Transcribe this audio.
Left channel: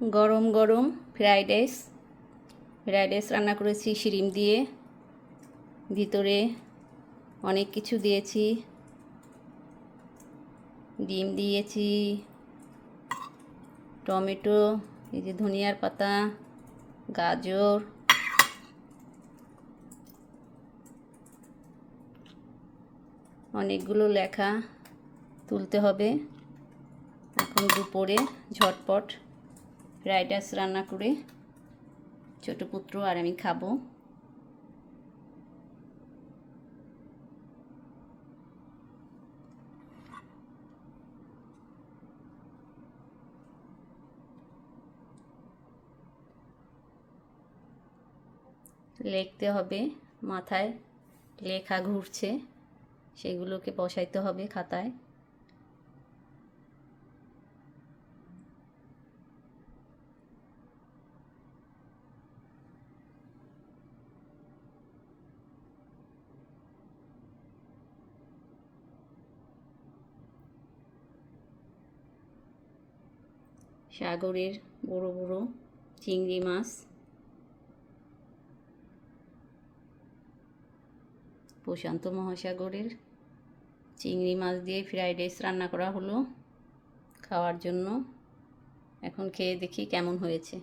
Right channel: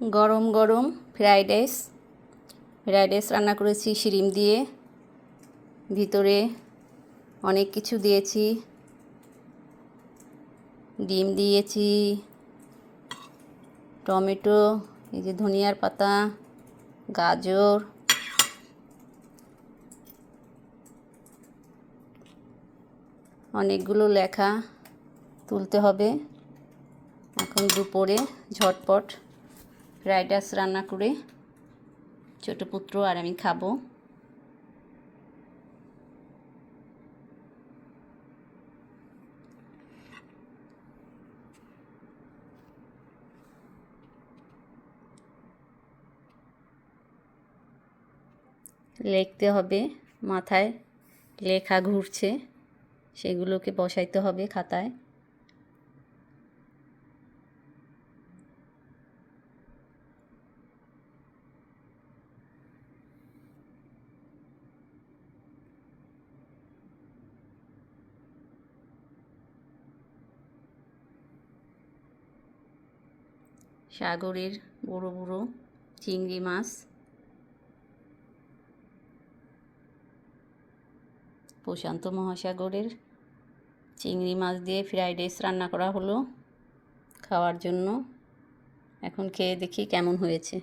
গরম গরম fried rice রান্না করেছি শিরিম দিয়ে। ভিতরে অনেক কিছু দিয়েছি, ডিম দিয়েছি, টমেটো, এই যে ধনিয়ার পাতা, গাজর, অনেকগুলো লেখা তুলতে হবে। এখন দুপুরে ঝটপট ফ্রাইড রাইস রান্না করে ছোটো পুত্র আর আমি খাবো। লিখতে হবে, মাথায় লেখা ঘুরছে, সেগুলোকে বসাইতে হবে খাতায়। সাগরের বড় বড় চিংড়ি মাছ, প্রশান্ত মহাসাগরের চিংড়ি মাছ দিয়ে ফ্রাইড রাইস রান্না করা হলো খাওয়ার জন্য। এখন খেয়ে দেখি কেমন হয়েছে।